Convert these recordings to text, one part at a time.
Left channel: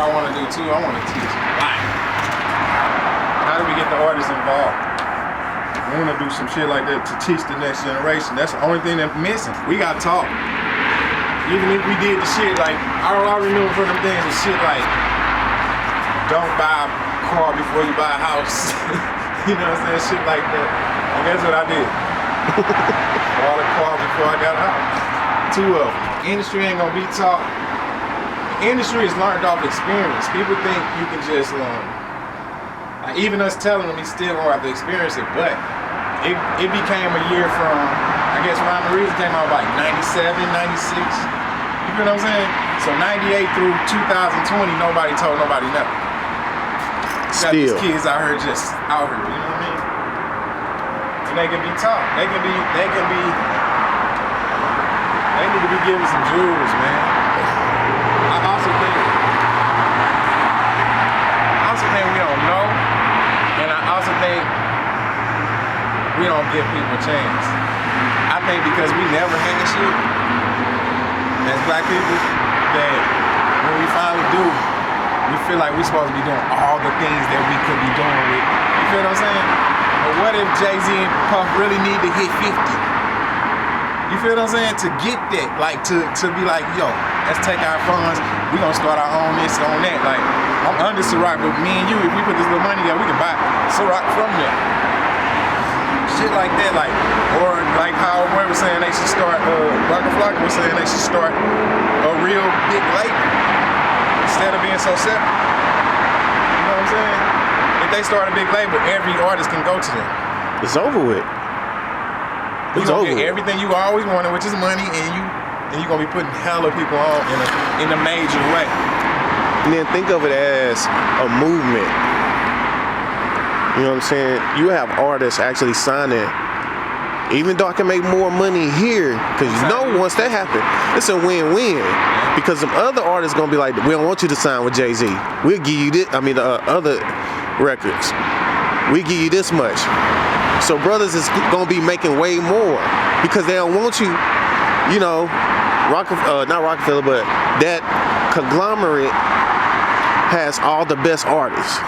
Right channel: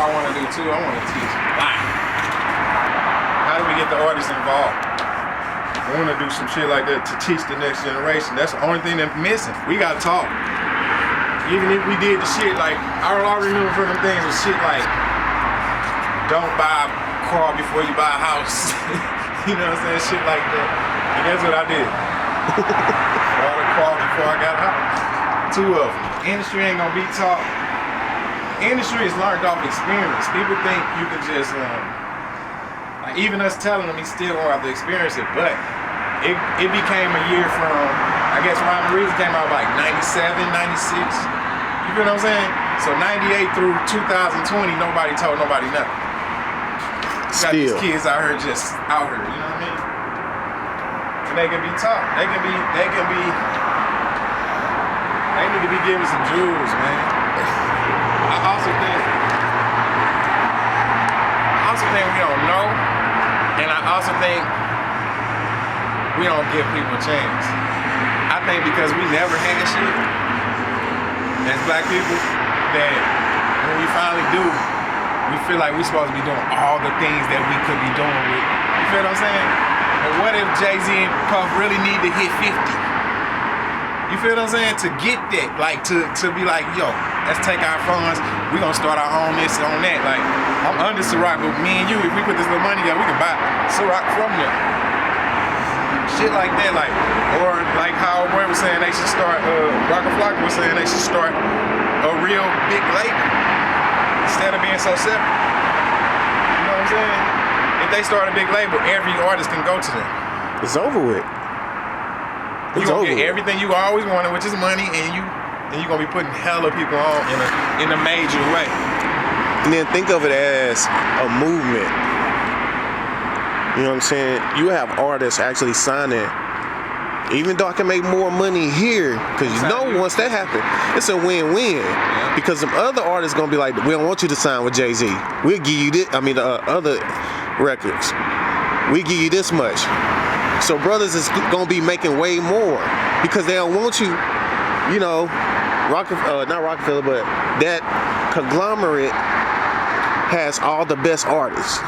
what I want to do too. I want to teach life. How do we get the artists involved? I want to do some shit like that to teach the next generation. That's the only thing that's missing. We got to talk. Even if we did the shit like, all I remember from them things was shit like, don't buy a car before you buy a house. You know what I'm saying? Shit like that. And that's what I did. Bought a car before I got a house. 2 of them. Industry ain't gonna be taught. The industry is learned off experience. People think you can just, like even us telling them, he still gonna have to experience it, but it became a year from, I guess Rhyme and Reason came out like 97, 96. You feel what I'm saying? So 98 through 2020, nobody told nobody nothing. Got these kids out here just out here, you know what I mean? And they can be taught. They need to be given some jewels, man. I also think we don't know, and I also think we don't give people a chance. I think because we never had shit as black people, that when we finally do, we feel like we're supposed to be doing all the things that we could be doing with. You feel what I'm saying? But what if Jay-Z and Puff really need to hit 50? You feel what I'm saying? To get that, like to be like, yo, let's take our funds, we gonna start our own this, on that. Like, I'm under Ciroc, but me and you, if we put this little money together, we can buy Ciroc from them. Shit like that, like, or like how Boy was saying they should start, Rocker Flock was saying they should start a real big label instead of being so separate. You know what I'm saying? If they start a big label, every artist can go to them. It's over with. You gonna get everything you always wanted, which is money, and you gonna be putting hella people on in a major way. And then think of it as a movement. You know what I'm saying? You have artists actually signing, even though I can make more money here, because you know once that happens, it's a win-win. Yeah. Because some other artists gonna be like, we don't want you to sign with Jay-Z. We'll give you this. I mean, the other records, we give you this much. So brothers is gonna be making way more because they don't want you, you know, not Rockefeller, but that conglomerate has all the best artists.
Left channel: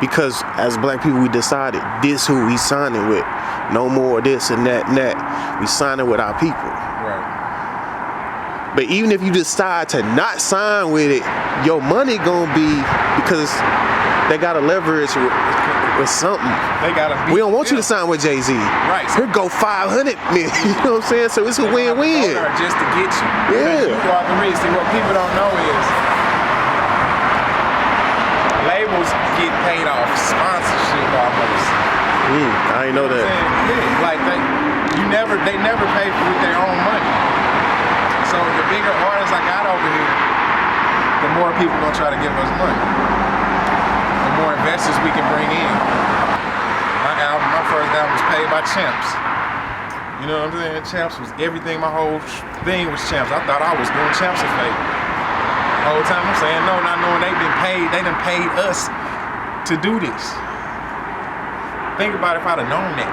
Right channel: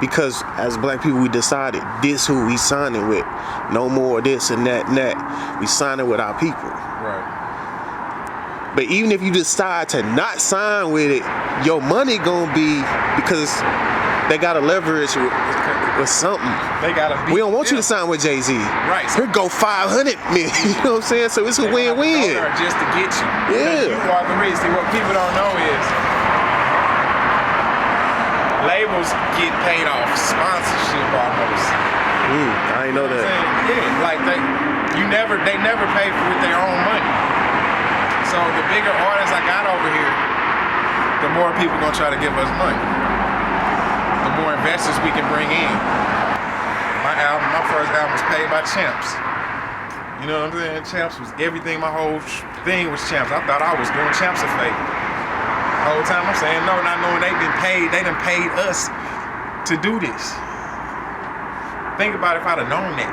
Because as black people, we decided this who we signing with. No more this and that and that. We signing with our people. Right. But even if you decide to not sign with it, your money gonna be, because they gotta leverage with something. They gotta be. We don't want you to sign with Jay-Z. Right. Here go 500 million. You know what I'm saying? So it's a win-win. Just to get you. Yeah. Because you are the reason. See, what people don't know is labels get paid off sponsorship almost. I ain't know that. Yeah, like they never pay for with their own money. So the bigger artists I got over here, the more people gonna try to give us money. The more investors we can bring in. My first album was paid by Champs. You know what I'm saying? Champs was everything. My whole thing was Champs. I thought I was doing Champs a favor. The whole time I'm saying no, not knowing they done paid us to do this. Think about if I'd have known that,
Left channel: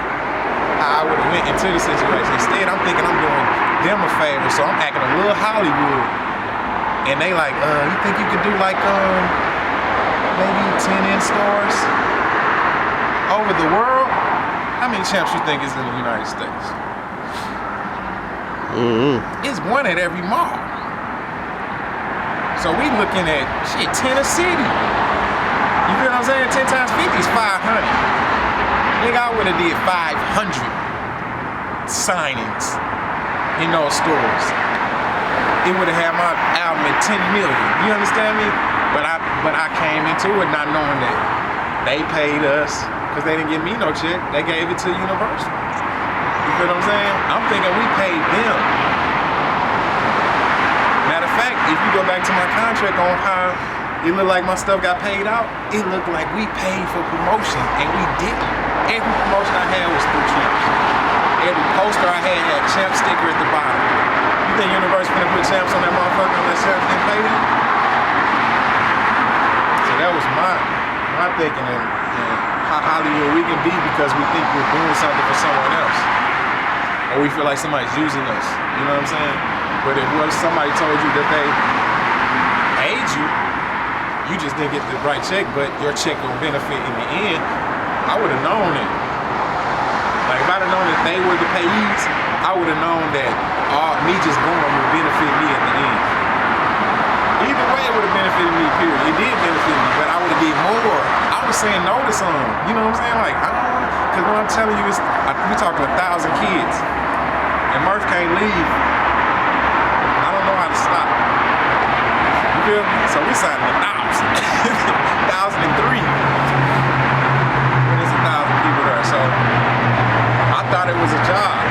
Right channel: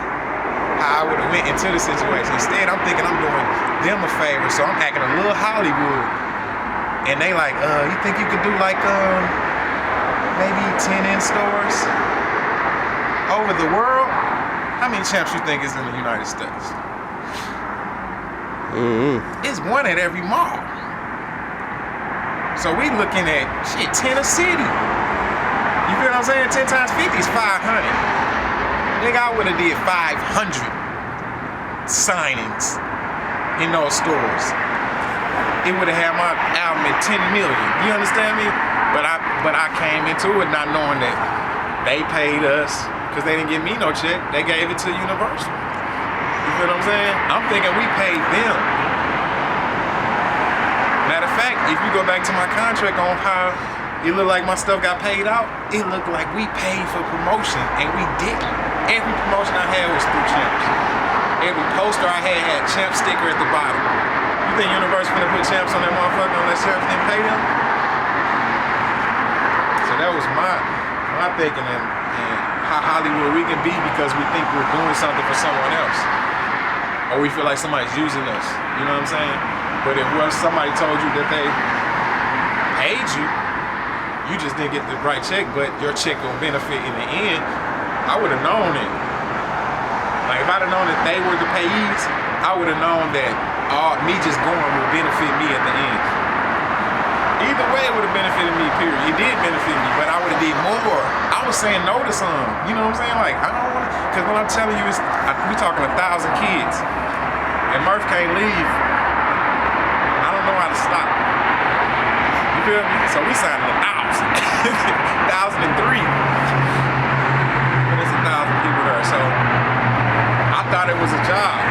how I would have went into the situation. Instead, I'm thinking I'm doing them a favor, so I'm acting a little Hollywood. And they like, you think you could do like maybe 10 in-stores over the world? How many Champs you think is in the United States? It's one at every mall. So we looking at, shit, 10 a city. You feel what I'm saying? 10 times 50 is 500. Nigga, I would have did 500 signings in those stores. It would have had my album at 10 million. You understand me? But I came into it not knowing that they paid us, because they didn't give me no check. They gave it to Universal. You feel what I'm saying? I'm thinking we paid them. Matter of fact, if you go back to my contract on how it looked like my stuff got paid out, it looked like we paid for promotion, and we didn't. Every promotion I had was through Champs. Every poster I had Champs sticker at the bottom. You think Universal finna put Champs on that motherfucker unless Champs didn't pay them? So that was my thinking, and how Hollywood we can be because we think we're doing something for someone else. Or we feel like somebody's using us. You know what I'm saying? But if somebody told you that they paid you, you just didn't get the right check, but your check gonna benefit in the end. I would have known it. Like if I'd have known that they were the payees, I would have known that me just going would benefit me at the end. Either way, it would have benefited me, period. It did benefit me, but I would have did more. I was saying no to some. You know what I'm saying? Like, I don't want to, because when I'm telling you, we talking 1,000 kids, and Murph can't leave. I don't know how to stop. You feel me? So we signed 1,000. 1,003. But there's 1,000 people there. So I thought it was a job.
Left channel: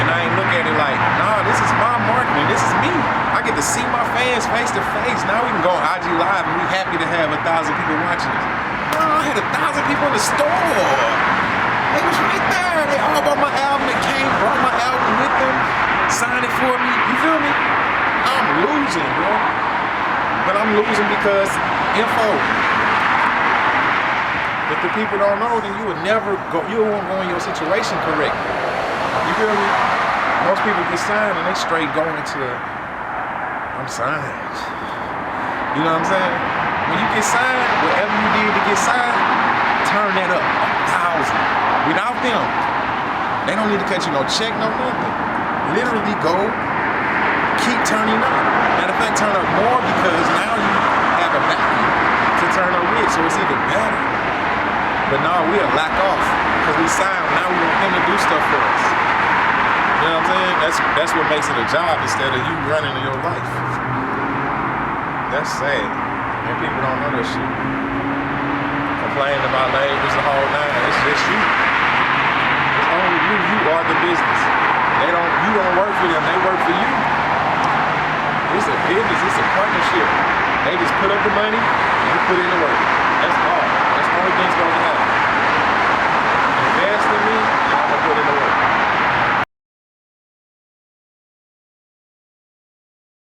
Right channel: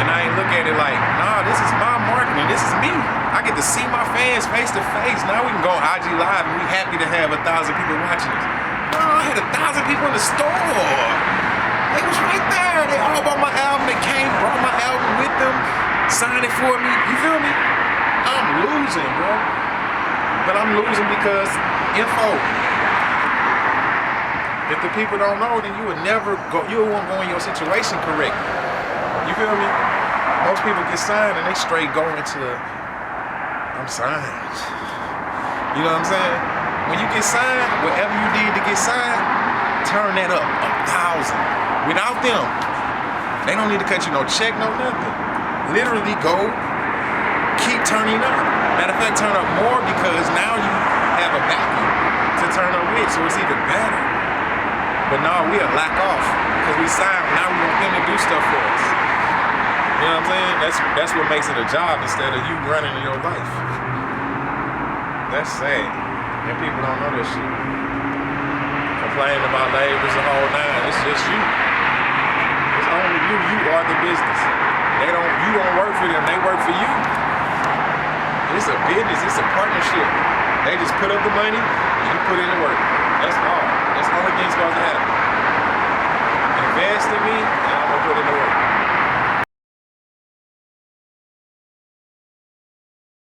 And I ain't look at it like, nah, this is my marketing. This is me. I get to see my fans face to face. Now we can go on IG Live and we happy to have 1,000 people watching us. No, I had 1,000 people in the store. They was right there. They all bought my album. They came, brought my album with them, signed it for me. You feel me? I'm losing, bro. But I'm losing because info. If the people don't know, then you would never go, you won't go in your situation correct. You feel me? Most people get signed and they straight go into I'm signed. You know what I'm saying? When you get signed, whatever you did to get signed, turn that up 1,000. Without them, they don't need to cut you no check, no nothing. Literally go, keep turning up. Matter of fact, turn up more because now you have a backing to turn up with, so it's even better. But no, we'll lack off because we signed. Now we want them to do stuff for us. You know what I'm saying? That's what makes it a job instead of you running in your life. That's sad. And people don't know that shit. Complaining about labels the whole nine. It's just you. It's only you. You are the business. You don't work for them, they work for you. It's a business, it's a partnership. They just put up the money and you put in the work. That's all. That's the only thing supposed to happen.